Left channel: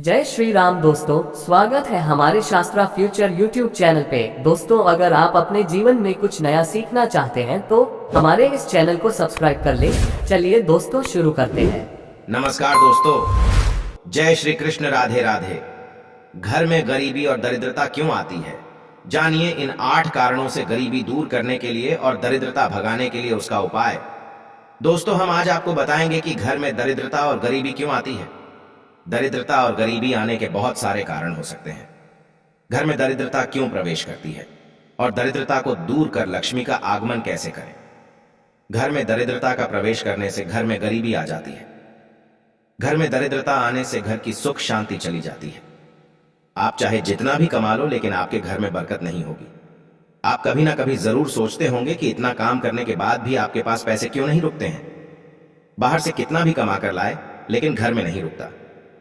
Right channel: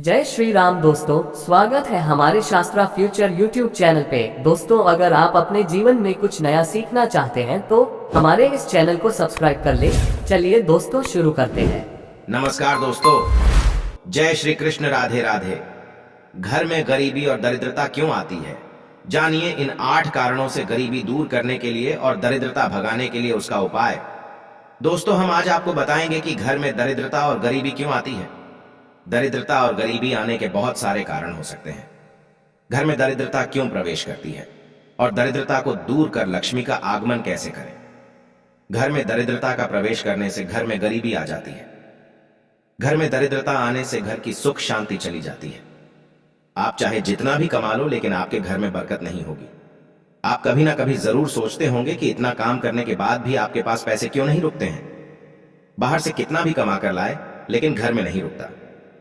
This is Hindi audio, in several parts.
जय श्री राम दोस्तों, स्वागत है हमारे शास्त्रा फ्यूचर यूट्यूब चैनल पे। दोस्तों, अगर आप अपने जीवन में कुछ नया सीखना चाहते हैं तो हमारे इस चैनल को सब्सक्राइब कर ले। चलिए दोस्तों, शुरू करते हैं। नमस्कार दोस्तों, जय श्री कृष्ण, राधे राधे। घर में गरीबी और दरिद्रता क्यों आती है, जानिए इन 8 कारणों से गरीबी दूर करने के लिए और दरिद्रता भगाने के लिए उसका उपाय। दोस्तों, हम आज आपको बताएंगे कि घर में दरिद्रता और गरीबी क्यों आती है। दरिद्रता और गरीबी आने के बहुत सारे कारण हो सकते हैं। घर में दरिद्रता क्यों प्रवेश करती है और दरिद्रता को दूर कर लक्ष्मी का आगमन कैसे करें। घर में दरिद्रता का प्रवेश करने से घर में गरीबी आ जाती है। घर में दरिद्रता आने से घर की सुख शांति चली जाती है। आप चाहे जितना भी कमा लो, लेकिन आपके घर में बरकत नहीं होगी। आप कभी ना कभी जरूर सोचते होंगे कि इतना काम करने के बाद भी आपके पास पैसे क्यों नहीं रुकते हैं। बाहर से कितना भी कमा कर लाए, लेकिन घर में नहीं रुकता,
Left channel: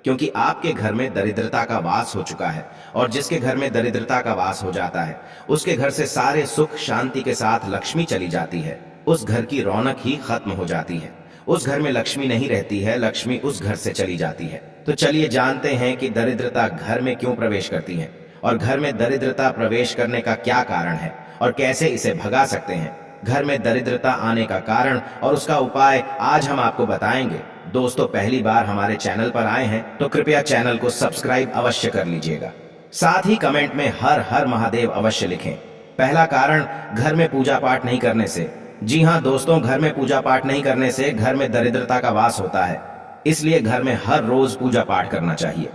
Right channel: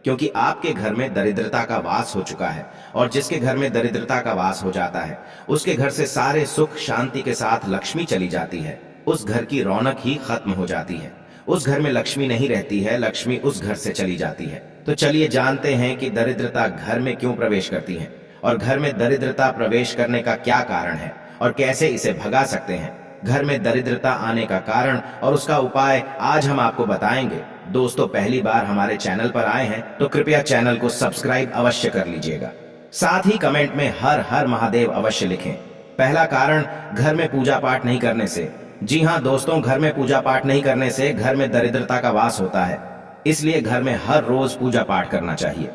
क्योंकि आपके घर में दरिद्रता का वास हो चुका है। और जिसके घर में दरिद्रता का वास हो जाता है, उसके घर से सारे सुख शांति के साथ लक्ष्मी चली जाती है। उस घर की रौनक ही खत्म हो जाती है। उस घर में लक्ष्मी नहीं रहती है, लक्ष्मी उस घर से चली जाती है। तो चलिए जानते हैं कि दरिद्रता घर में क्यों प्रवेश करती है और घर में दरिद्रता प्रवेश करने का क्या कारण है और कैसे इसे भगा सकते हैं। घर में दरिद्रता आने का कारण और उसका उपाय आज हम आपको बताएंगे। दोस्तों, पहली बार हमारे चैनल पर आए हैं तो कृपया चैनल को सब्सक्राइब अवश्य कर लीजिएगा। साथ ही कमेंट में हर हर महादेव अवश्य लिखें। पहला कारण, घर में पूजा पाठ नहीं करने से। जी हां दोस्तों, घर में पूजा पाठ नहीं करने से घर में दरिद्रता का वास होता है। इसलिए घर में हर रोज पूजा पाठ करना चाहिए।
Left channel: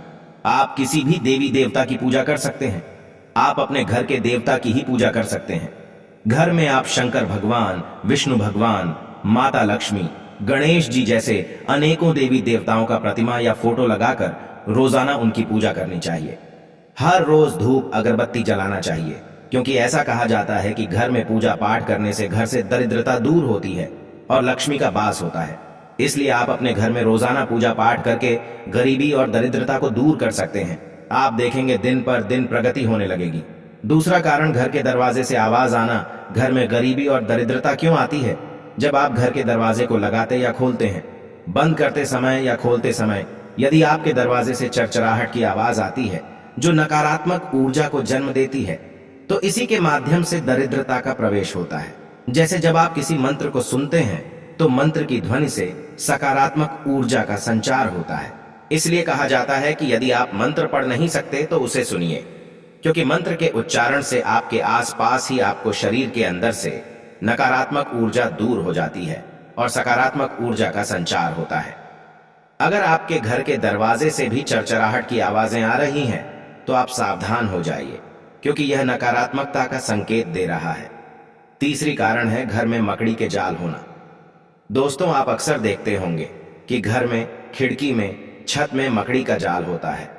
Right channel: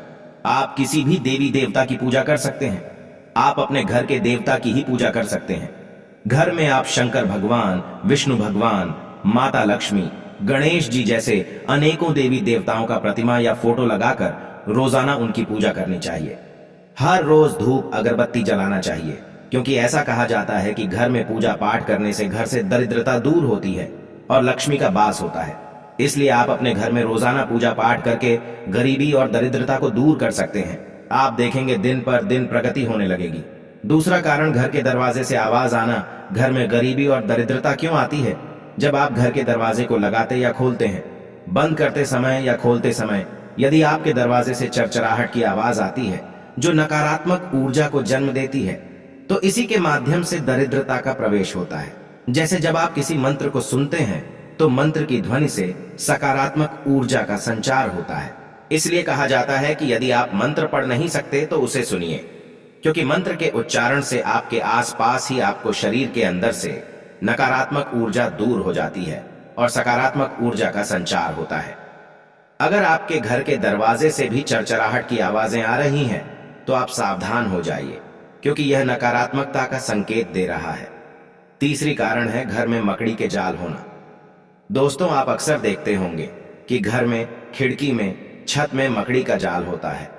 आप किसी भी देवी देवता की पूजा कर सकते हैं। आप अपने घर के देवता की ही पूजा कर सकते हैं। घर में आप शंकर भगवान, विष्णु भगवान, माता लक्ष्मी, गणेश जी जैसे अनेकों देवी देवताओं का प्रतिमा या फोटो लगाकर रोजाना उनकी पूजा करनी चाहिए। हर रोज धूप अगरबत्ती जलाना चाहिए, क्योंकि ऐसा कहा जाता है कि घर में पूजा पाठ करने से घर से दरिद्रता दूर होती है और लक्ष्मी का वास होता है। इसलिए आप अपने घर में रोजाना पूजा पाठ करके गरीबी और दरिद्रता को दूर कर सकते हैं। आप देखेंगे दिन पर दिन प्रगति होने लगेगी। दूसरा कारण, घर के दरवाजे से आवाज आना। घर में गरीबी और दरिद्रता क्यों आती है? जब आप घर के दरवाजे को लगाते या खोलते हैं, बंद करते समय या खोलते समय यदि आपके दरवाजे से चरचराहट की आवाज आती है, जो नकारात्मक ऊर्जा को जन्म देती है, तो इसी के माध्यम से दरिद्रता का प्रवेश होता है। जैसे जब आप किसी मंत्र को सुनते हैं तो मंत्र की ध्वनि से सकारात्मक ऊर्जा का संचार होता है। इसलिए कहा जाता है कि यदि आप मंत्र पढ़ नहीं सकते तो उसे सुनिए, क्योंकि मंत्र के उच्चारण से आपके आसपास ही आपको शरीर के अंदर से नकारात्मक ऊर्जा दूर हो जाती है और सकारात्मक ऊर्जा का संचार होता है। अगर आपके घर के दरवाजे से भी चरचराहट की आवाजें आ रही हैं तो आप सावधान हो जाइए, क्योंकि यह नकारात्मकता का संकेत दे रहा है। तीसरी कारण है, घर में मकड़ी के जाल होना। दोस्तों, आप अक्सर देखते होंगे कि घर में, खिड़की में, छत में मकड़ी का जाल होता है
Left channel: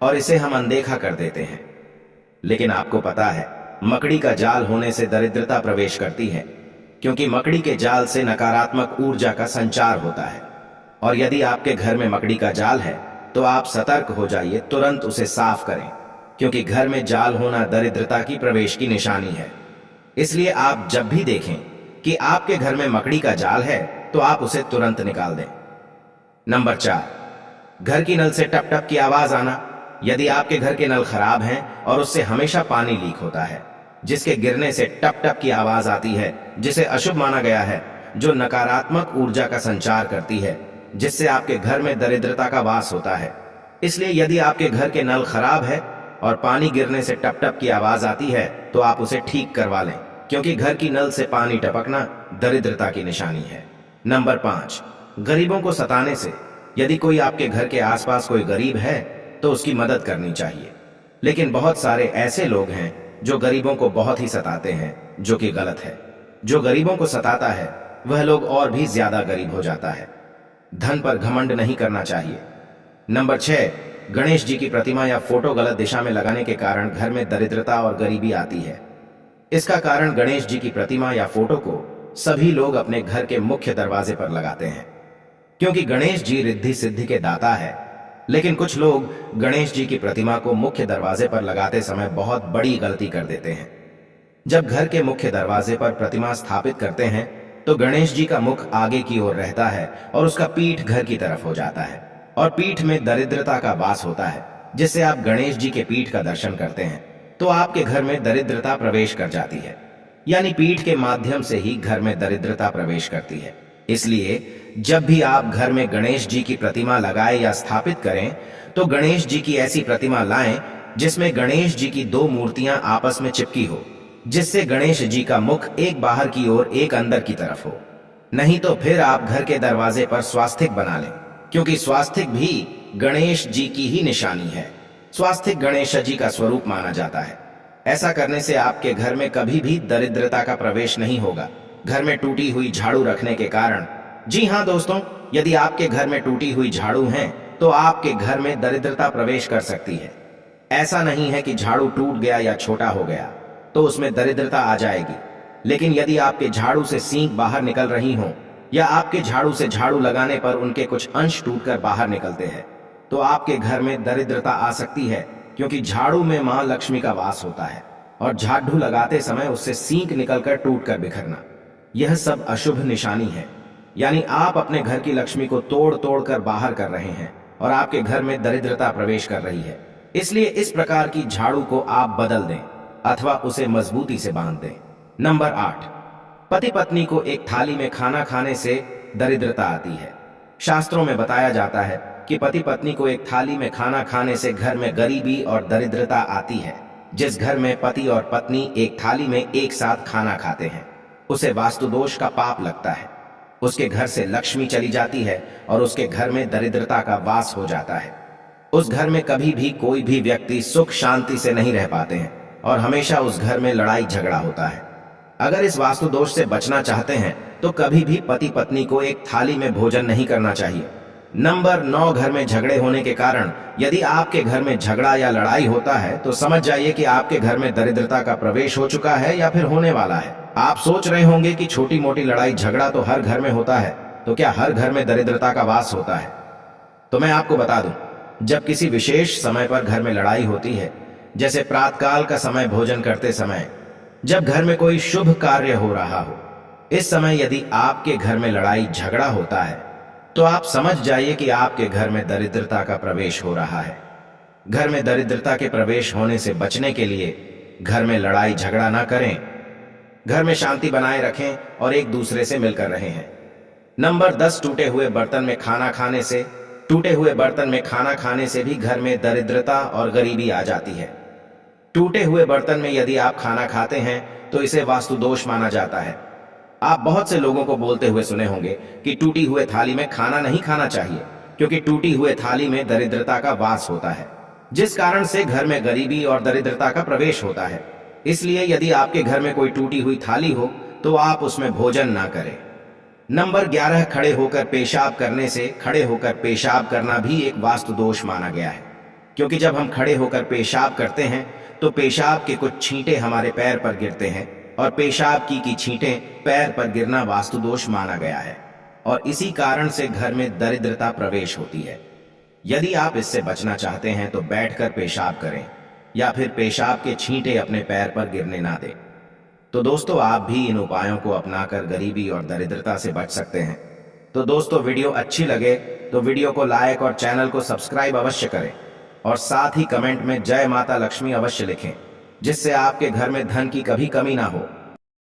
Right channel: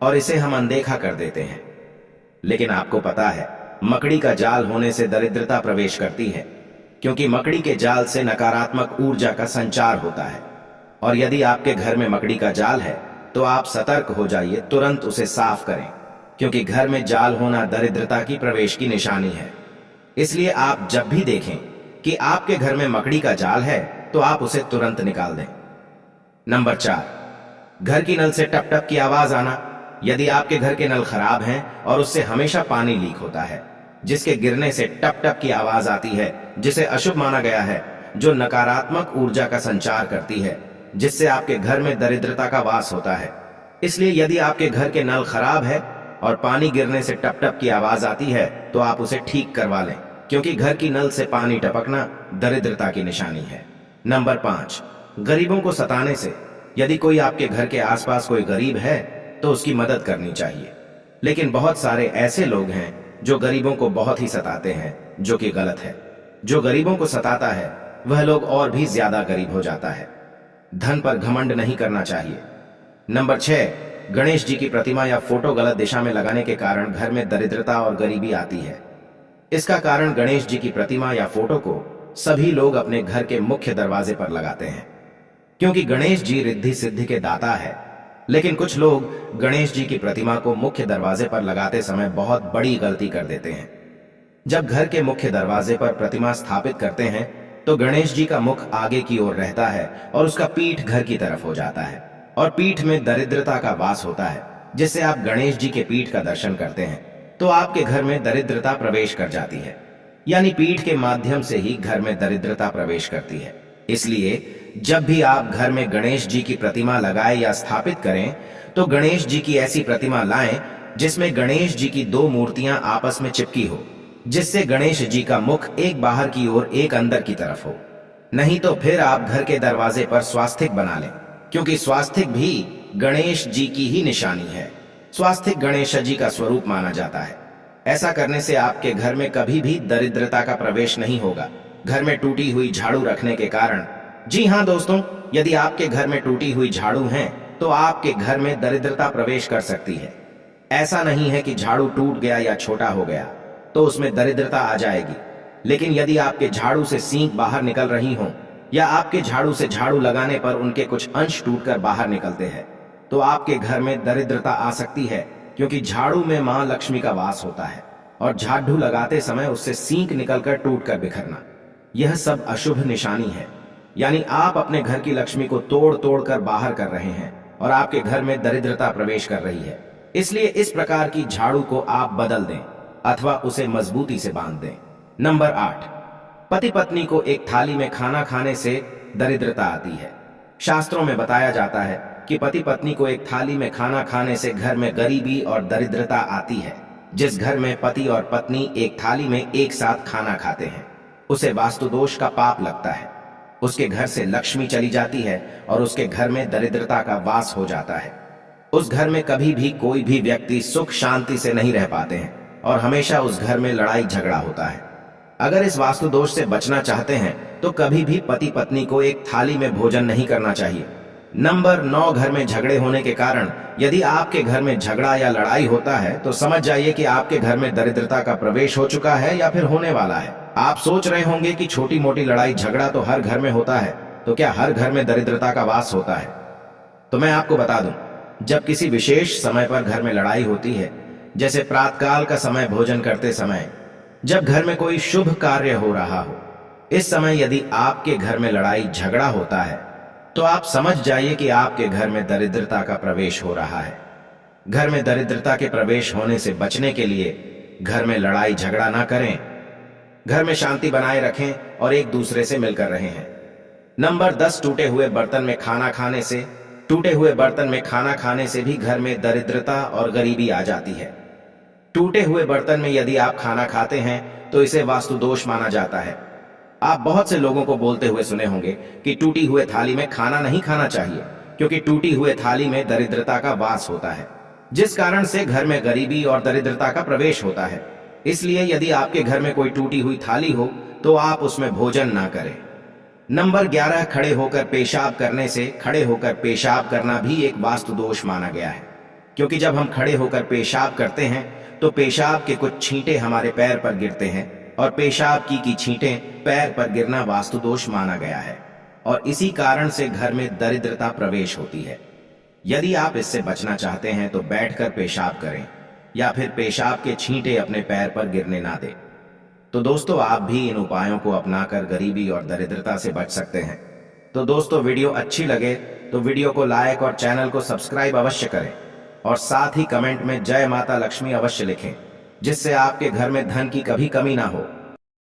और इसे हम अनदेखा कर देते हैं। लेकिन आपको पता है, मकड़ी का जाल होने से दरिद्रता प्रवेश करती है, क्योंकि मकड़ी के जाल से नकारात्मक ऊर्जा का संचार होता है। और यदि आपके घर में मकड़ी का जाल है तो आप सतर्क हो जाइए, तुरंत उसे साफ करें, क्योंकि घर में जाल होना दरिद्रता की प्रवेश की निशानी है। इसलिए आप जब भी देखें कि आपके घर में मकड़ी का जाल है तो आप उसे तुरंत निकाल दें। नंबर 4, घर की नल से टप टप की आवाज आना। यदि आपके घर के नल खराब हैं और उससे हमेशा पानी लीक होता है, जिसके गिरने से टप टप की आवाज आती है, जिसे अशुभ माना गया है, जो नकारात्मक ऊर्जा का संचार करती है, जिससे आपके घर में दरिद्रता का वास होता है। इसलिए यदि आपके घर के नल खराब है और पानी गिरने से टप टप की आवाज आती है तो आप उसे ठीक करवा लें, क्योंकि घर की नल से पानी टपकना दरिद्रता की निशानी है। नंबर 5, गरीबों को सताने से। यदि कोई आपके घर के आसपास कोई गरीब है तो उसकी मदद करनी चाहिए, लेकिन बहुत सारे ऐसे लोग हैं जो गरीबों को बहुत ही सताते हैं, जो कि गलत है। जो गरीबों को सताता है वह लोग और भी ज्यादा गरीब हो जाता है। धन पर घमंड नहीं करना चाहिए। नंबर 6, गणेश जी की प्रतिमा या फोटो गलत दिशा में लगाने के कारण घर में दरिद्रता और गरीबी आती है। इसका कारण, गणेश जी की प्रतिमा या फोटो को सभी लोग अपने घर के मुख्य दरवाजे पर लगाते हैं, क्योंकि गणेश जी रिद्धि सिद्धि के दाता है। लेकिन कुछ लोग गणेश जी की प्रतिमा को मुख्य दरवाजे पर लगाते समय बहुत बड़ी गलती कर देते हैं। जब घर के मुख्य दरवाजे पर प्रतिमा स्थापित करते हैं तो गणेश जी का मुख आगे की ओर रहता है और उसका पीठ घर की तरफ हो जाता है। और पीठ में दरिद्रता का वास होता है, जिससे आप गणेश जी के पीठ का दर्शन करते हैं तो आपके घर में दरिद्रता प्रवेश कर जाती है। यानी पीठ के माध्यम से ही घर में दरिद्रता प्रवेश करती है। इसलिए जब भी आप घर में गणेश जी की प्रतिमा लगाएं या स्थापित करें तो गणेश जी की ऐसी प्रतिमा लाएं जिसमें गणेश जी की दो मूर्तियां आपस में चिपकी हो, जिससे गणेश जी का मुख एक बाहर की ओर एक अंदर की तरफ हो। नहीं तो फिर आप घर के दरवाजे पर स्वास्तिक बना लें, क्योंकि स्वास्तिक भी गणेश जी की ही निशानी है। स्वास्तिक गणेश जी का स्वरूप माना जाता है। ऐसा करने से आपके घर में कभी भी दरिद्रता का प्रवेश नहीं होगा। घर में टूटी हुई झाड़ू रखने के कारण, जी हां दोस्तों, यदि आपके घर में टूटी हुई झाड़ू है तो आपके घर में दरिद्रता प्रवेश कर सकती है। ऐसा नहीं है कि झाड़ू टूट गया या छोटा हो गया तो उसमें दरिद्रता आ जाएगी, लेकिन यदि आपके झाड़ू से सींग बाहर निकल रही हो या आपके झाड़ू से झाड़ू लगाने पर उनके कुछ अंश टूटकर बाहर निकलते हैं तो आपके घर में दरिद्रता आ सकती है, क्योंकि झाड़ू में मां लक्ष्मी का वास होता है और झाड़ू लगाते समय उससे सींग निकलकर टूटकर बिखरना, यह सब अशुभ निशानी है। यानी आप अपने घर की लक्ष्मी को तोड़ तोड़ कर बाहर कर रहे हैं और आपके घर में दरिद्रता प्रवेश कर रही है। इसलिए इस प्रकार की झाड़ू को आप बदल दें अथवा उसे मजबूती से बांध दें। नंबर 8, पति पत्नी को एक थाली में खाना खाने से दरिद्रता आती है। शास्त्रों में बताया जाता है कि पति पत्नी को एक थाली में खाना खाने से घर में गरीबी और दरिद्रता आती है। जिस घर में पति और पत्नी एक थाली में एक साथ खाना खाते हैं उसे वास्तु दोष का पाप लगता है। उसके घर से लक्ष्मी चली जाती है और उसके घर में दरिद्रता का वास हो जाता है। उस घर में कभी भी कोई भी व्यक्ति सुख शांति से नहीं रह पाते हैं और हमेशा उस घर में लड़ाई झगड़ा होता है। अगर इस वास्तु दोष से बचना चाहते हैं तो कभी भी पति पत्नी को एक थाली में भोजन नहीं करना चाहिए। नंबर 9, घर में झगड़े होने के कारण, यदि आपके घर में झगड़ा या लड़ाई होता है तो समझ जाइए कि आपके घर में दरिद्रता का प्रवेश हो चुका है या फिर होने वाला है। आप सोच रहे होंगे कि छोटी मोटी लड़ाई झगड़ा तो हर घर में होता है, तो क्या हर घर में दरिद्रता का वास होता है? तो मैं आपको बता दूं, जब किसी विशेष समय पर घर में लड़ाई होती है, जैसे प्रातःकाल का समय भोजन करते समय, जब घर में कोई शुभ कार्य हो रहा हो, इस समय यदि आपके घर में लड़ाई झगड़ा होता है तो आप समझ जाइए कि आपके घर में दरिद्रता का प्रवेश हो रहा है। घर में दरिद्रता के प्रवेश होने से बचने के लिए घर में लड़ाई झगड़ा ना करें, घर में शांति बनाए रखें और एक दूसरे से मिलकर रहें। नंबर 10, टूटे हुए बर्तन में खाना खाने से, टूटे हुए बर्तन में खाना खाने से भी घर में दरिद्रता और गरीबी आ जाती है। टूटे हुए बर्तन में यदि आप खाना खाते हैं तो इसे वास्तु दोष माना जाता है। आप बहुत से लोगों को बोलते हुए सुने होंगे कि टूटी हुए थाली में खाना नहीं खाना चाहिए, क्योंकि टूटी हुए थाली में दरिद्रता का वास होता है, जिस कारण से घर में गरीबी और दरिद्रता का प्रवेश होता है। इसलिए यदि आपके घर में कोई टूटी हुई थाली हो तो आप उसमें भोजन ना करें। नंबर 11, खड़े होकर पेशाब करने से, खड़े होकर पेशाब करना भी एक वास्तु दोष माना गया है, क्योंकि जब हम खड़े होकर पेशाब करते हैं तो पेशाब के कुछ छींटे हमारे पैर पर गिरते हैं और पेशाब की छींटें पैर पर गिरना वास्तु दोष माना गया है और इसी कारण से घर में दरिद्रता प्रवेश होती है। यदि आप इससे बचना चाहते हैं तो बैठकर पेशाब करें या फिर पेशाब के छींटे अपने पैर पर गिरने ना दें। तो दोस्तों, आप भी इन उपायों को अपनाकर गरीबी और दरिद्रता से बच सकते हैं। तो दोस्तों, वीडियो अच्छी लगे तो वीडियो को लाइक और चैनल को सब्सक्राइब अवश्य करें और साथ ही कमेंट में जय माता लक्ष्मी अवश्य लिखें, जिससे आपके घर में धन की कभी कमी ना हो।